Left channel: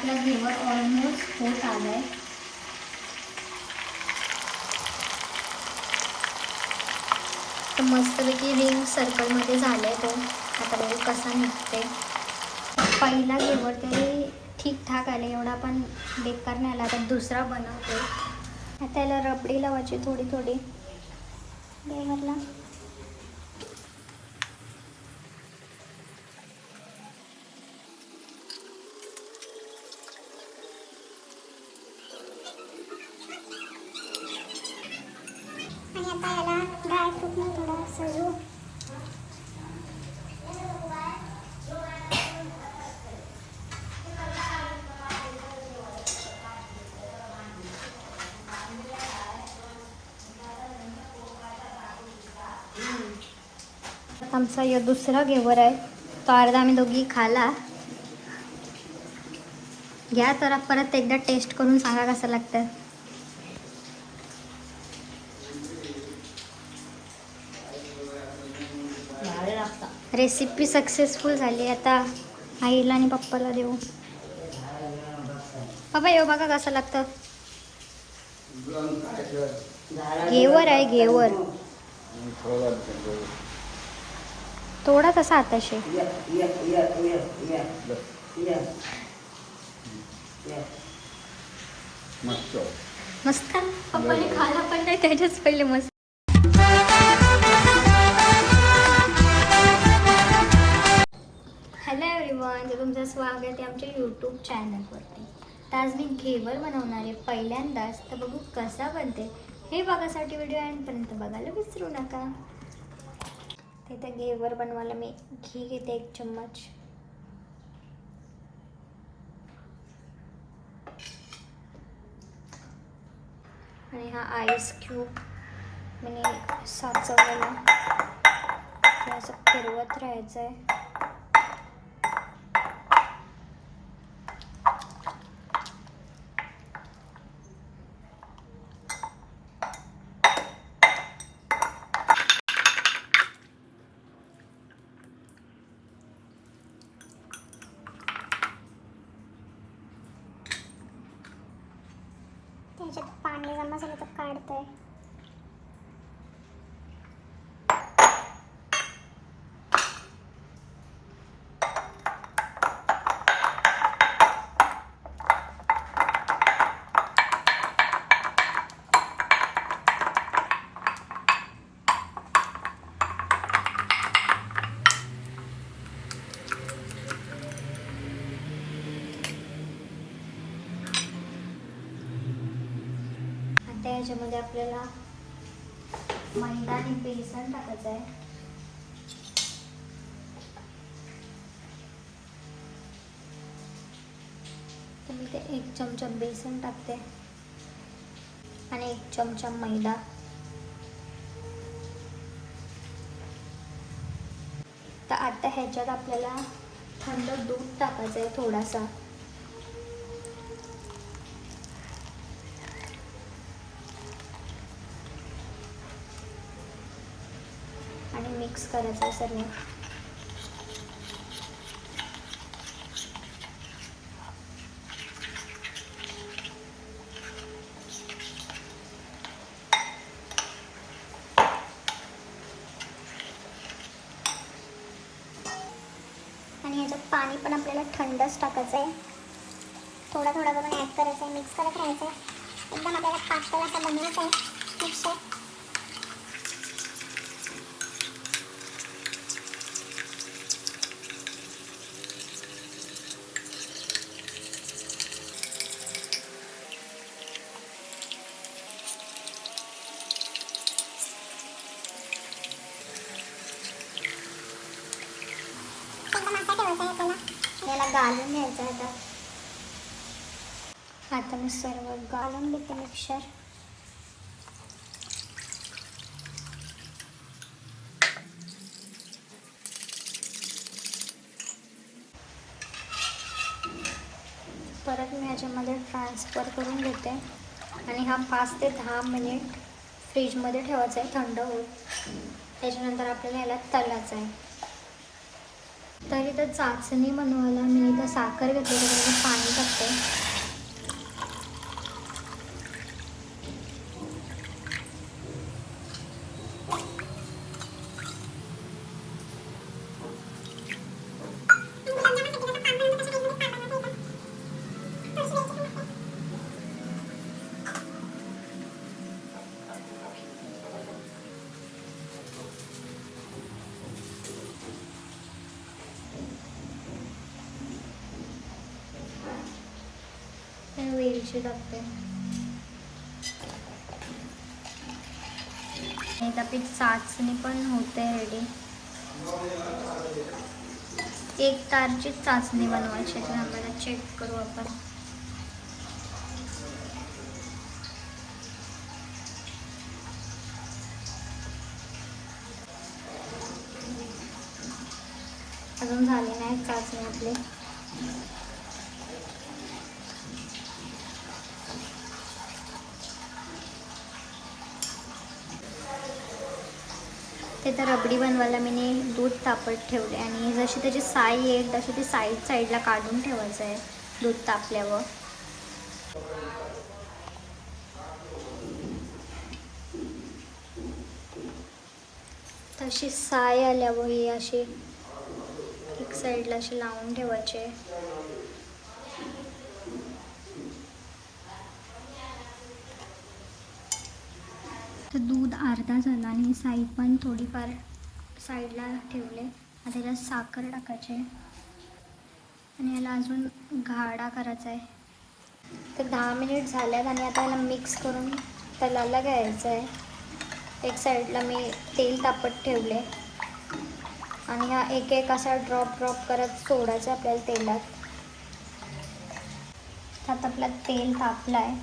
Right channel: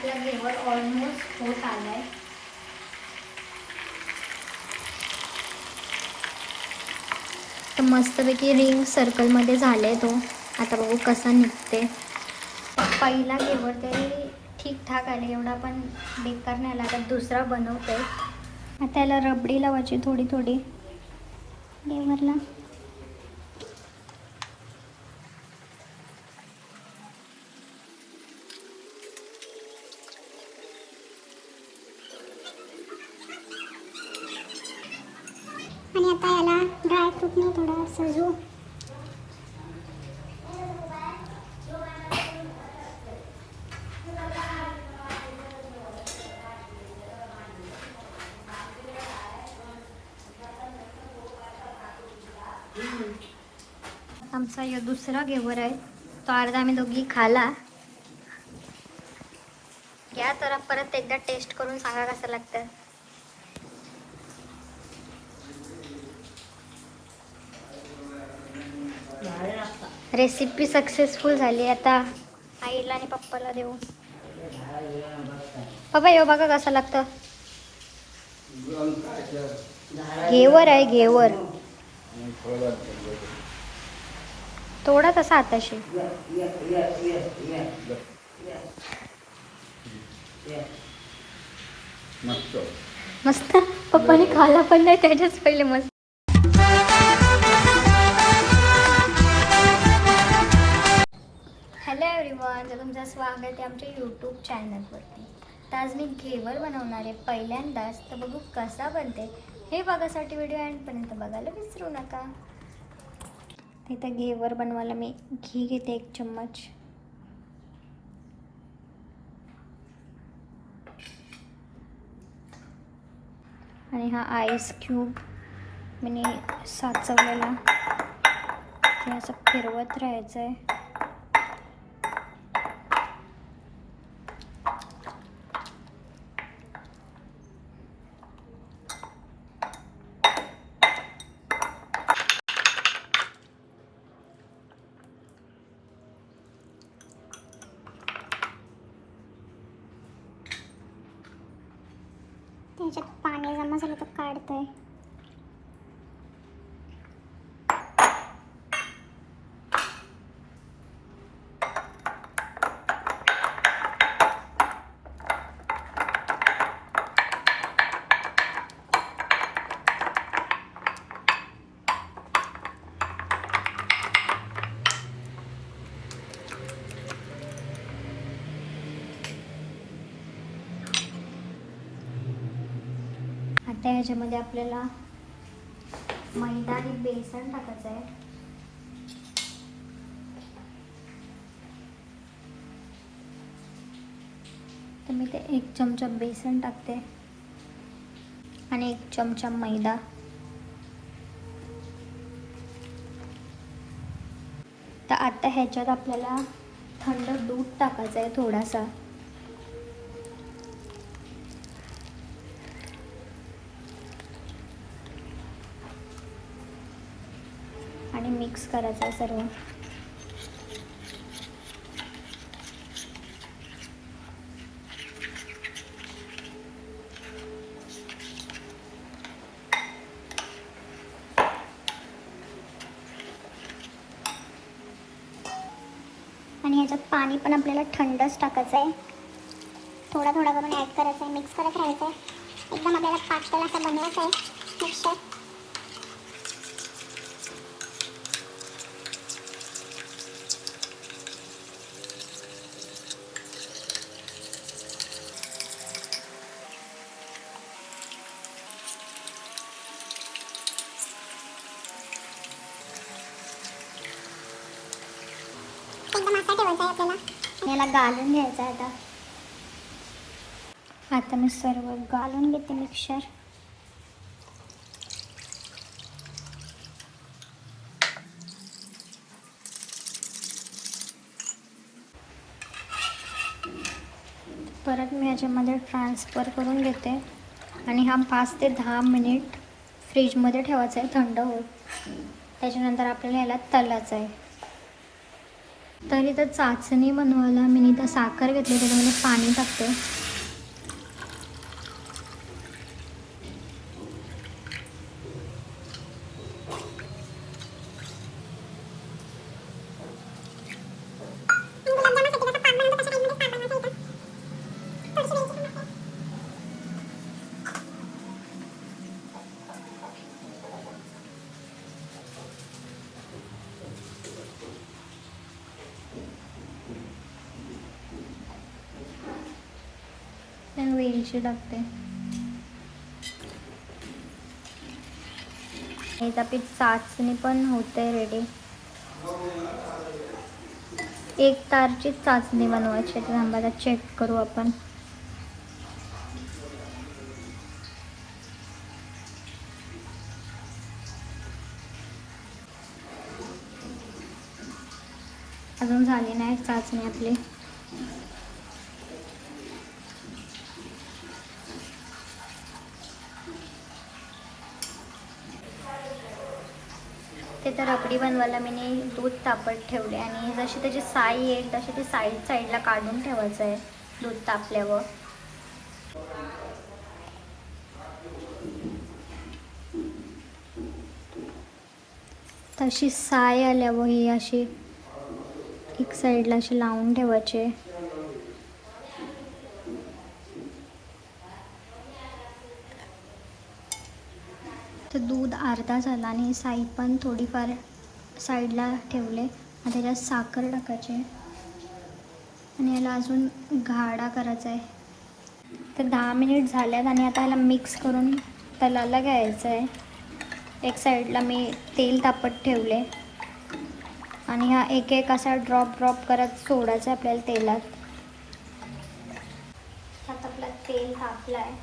आपला घेवर ऑलमोस्ट होत आलाय. मस्तपैकी रिंग सर्कलमध्ये झाले तो. आता बघू कसं निघते. पहिला घेवर तरी ठीकठाक आले, एवढा पण बेकार नाही आला. आता दुसरा बनवते. त्याला रबडी लावायची थोडी थोडी. म्हणलं आणि आता याला ड्रायफ्रूटने थोडं सजू. आमचा यो दुसरा घेवर आहे. तो अर्धा आम्ही दोघी खाला. घ्या तर परत एकदा टेस्ट करून सांगा कसं लागतं. रेसिपी सक्सेसफुल झाली. आता आईला आणि पप्पाला देऊ. पप्पा येऊ बघा कसं लागतं. घेवर आहे घेवर. थोडा तसा आताशे. मस्त. पप्पाने खाला पण नाही त्याच्याच पहिले. मस्त. हॅलो एव्हरीवन, तर तुमचं स्वागत आहे आमच्या यूट्यूब चॅनलवरती. तर आज मी घेवर बनवणार आहे पहिल्यांदाच. तर बघू कसा बनते हे बघासाठी व्हिडिओ एंडपर्यंत बघायला विसरू नका. तिथं घेवर बनवायला मी घी घेते 1 चम्मच. आणि हा आईस क्यूब मी साचवलेला. असं फिरवत राहायचं आहे. त्याच्यात पाणी जमा झालं तर काढतंय. ह्याच्यामध्ये आपल्याला मैदा आणि बेसन टाकायचं आहे. तर मी ते 1 चमचा बेसन टाकते आणि 1 चमचा मैदा. तर आता ह्याच्यात आपल्याला थंड दूध टाकायचं आहे थोडासा. मिक्स करायचं आहे सर्व. आणि ह्याच्यात पाणी पण आपल्याला थंडच टाकायचं आहे. थोडा थोडा करून ॲड करायचं आहे. मिक्स करत राहायचं आहे. एकदम आपल्याला पातळ असं बनवायचं आहे मिक्सर. याला गाळून घ्यायचं आहे. आता मी सर्व गाळून घेते मिक्सर. परत मी ह्याच्यामध्ये ट्रान्सफर करून घेते आणि हा 5 ते 10 मिनिट फ्रीजमध्ये ठेवायचा आहे थंड होत. त्याच्यानंतर आपल्याला याला तळायचं आहे. तर इथं चाचणी बनवायला मी इथं साखर घेतली, पाणी टाकते. वेलची टाकते. आता पीठ चाचणी पण होते रेडी. 1 तारची चाचणी बनवायची आहे. आम्हाला चेक करू आपण. अजून झाली नाही चाचणी आपली. ते तर रबडी बनवायला मी दूध तापत ठेवले आणि जशी त्याची साई येईल तशी ती साईडला काढून ठेवायचं आहे दूध तापल्यावर. तशी साय आल्यावर ही अशी एक साईडला अशी लावून ठेवायची. तर दूध अर्धा झाला आणि साई पण थोडीफार साईडला ठेवले. आता त्याच्यात साखर टाकायची आणि याला अजून गाढा करायचा आहे. तर 10 मिनिट झाल्यात आणि आता याला मिक्स करून तलाला घ्यायचं आहे. एक साईडला मी तेल तापत ठेवले आणि हा एक असा ड्रॉप करत सोडायचा आपल्याला तेलात. आता आपला तेल तापलं आहे.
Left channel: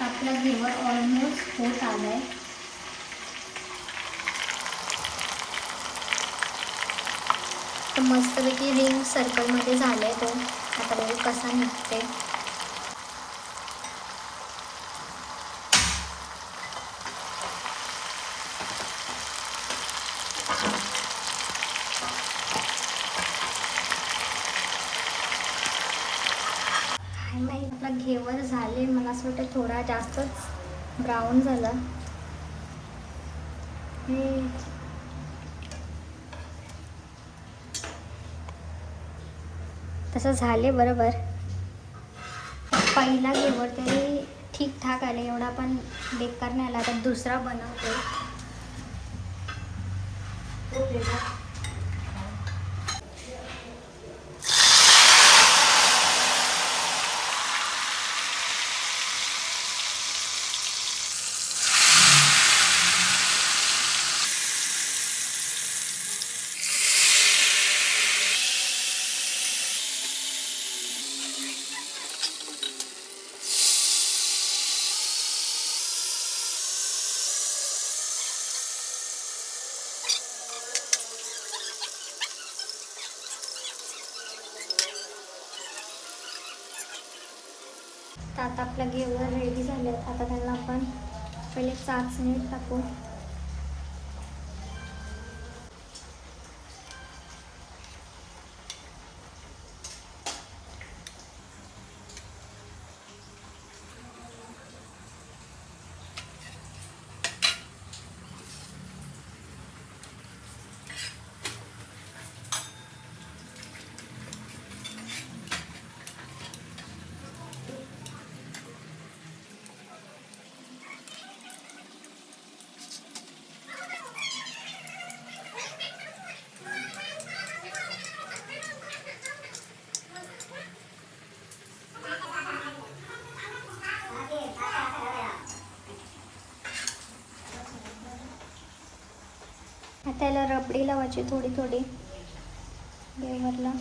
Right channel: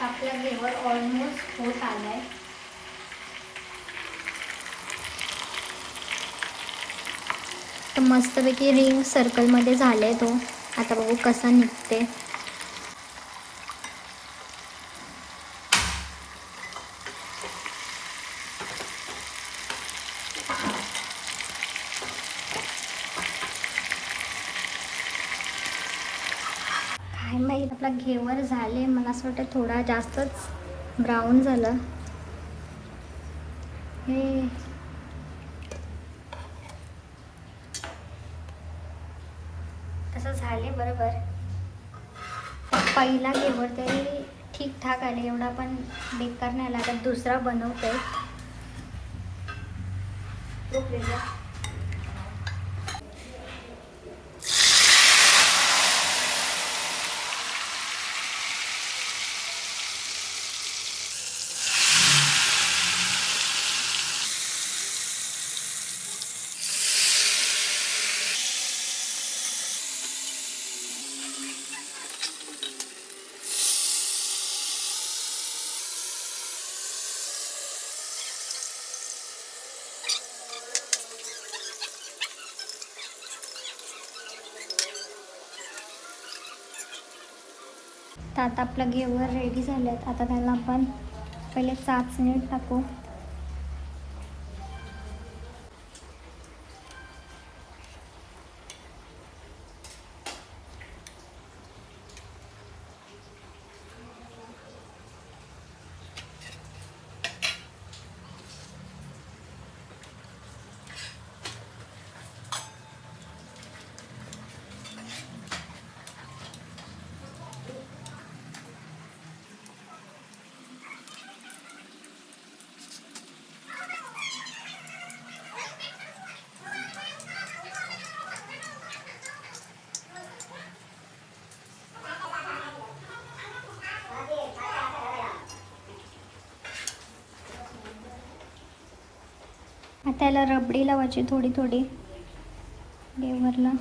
आपला घेवर ऑलमोस्ट होत आला आहे. मस्तपैकी रिंग सर्कलमध्ये झाले तो. आता बघू कसं निघते. माहीत आपला घेवर झाले. मला असं वाटतं थोडा जास्तच ब्राऊन झाला. तसं झाले बरोबर. पहिला घेवर तरी ठीकठाक आले, एवढा पण बेकार नाही आला. आता दुसरा बनवतो. तर आता आपला घेवर रेडी झाले. आता त्याला आपण पहिले चाचणी टाकू. लावायची थोडी थोडी घेवरला.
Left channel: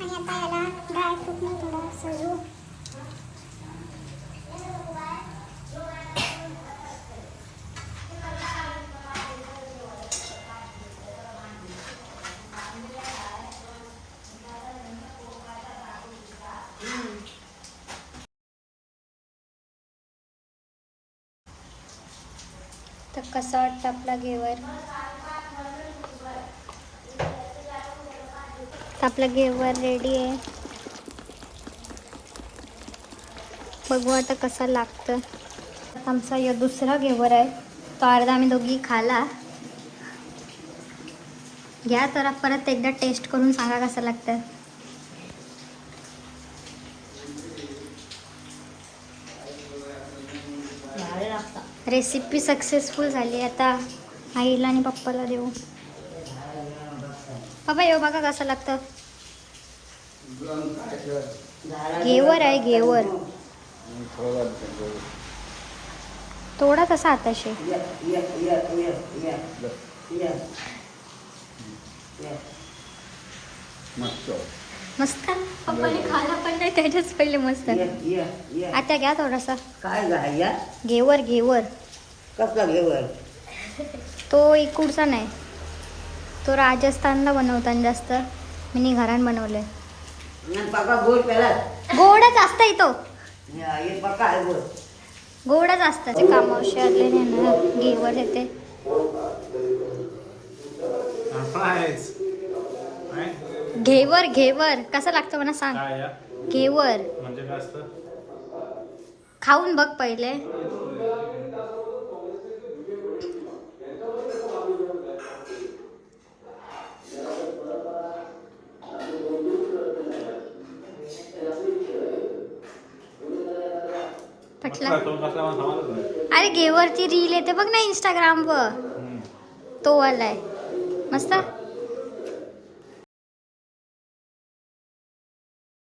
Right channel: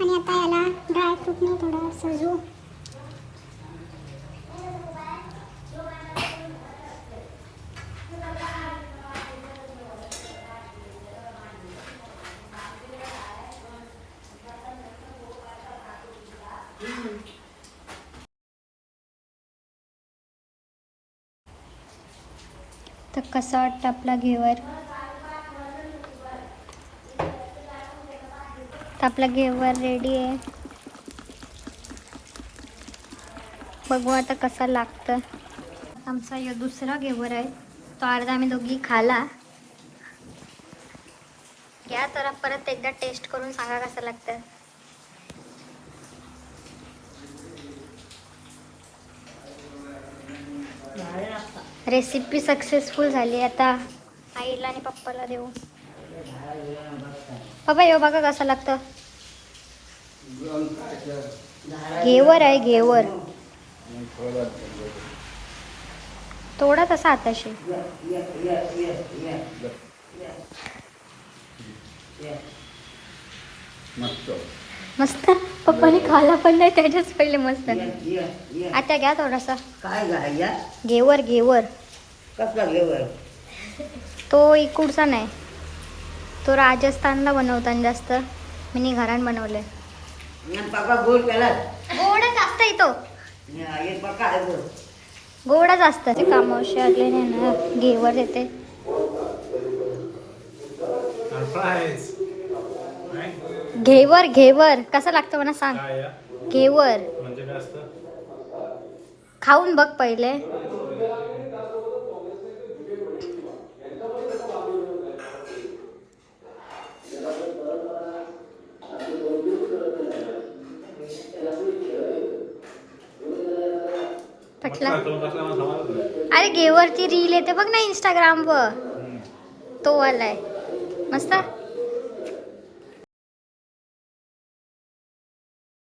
आणि आता याला ड्रायफ्रूटने थोडं सजू. तर कसा वाटतं आपला घेवर. आपला घेवर रेडी आहे. बघू आता कसा लागतं. आमचा यो दुसरा घेवर आहे. तो अर्धा आम्ही दोघी खाला. घ्या तर परत एकदा टेस्ट करून सांगा कसं लागतं. रेसिपी सक्सेसफुल झाली. आता आईला आणि पप्पाला देऊ. पप्पा येऊ बघा कसं लागतं. घेवर आहे घेवर. थोडा तसा आताशे मस्त. पप्पाने खाला पण नाही त्याच्याच पहिले मस्त. आता घ्या थोडासा. काय घ्या घेवर घेवर. कसला घेवर. तो इकडचा नाही. तो राजस्थानला बनवतात जास्त. मी घरात बनवले. पाका गोड केला. गोडच असतं इथं. हे पक्का आहे गोड. गोडच असतं. ते कामावशी आले नाही ना. घेवर येते. घेवर घेवर कसं लागतं मला सांग. घेवर म्हणजे काय असतं. खाऊन बघ पहिले. पटला. अरे घेवरची रील येते बघ ना इंस्टाग्राम वर. तो वालाय मस्त.